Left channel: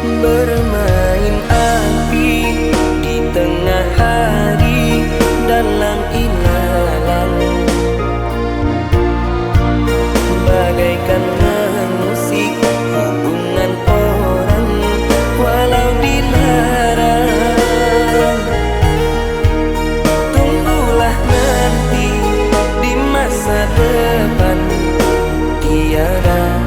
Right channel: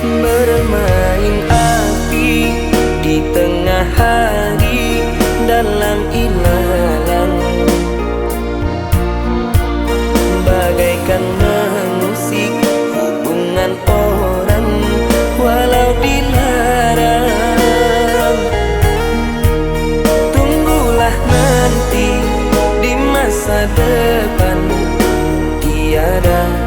Bermain api di tengah hari dalam ilalang, bagaikan mengusik hubungan orang walau dilarang. Tunggulah nanti di masa depan, tiada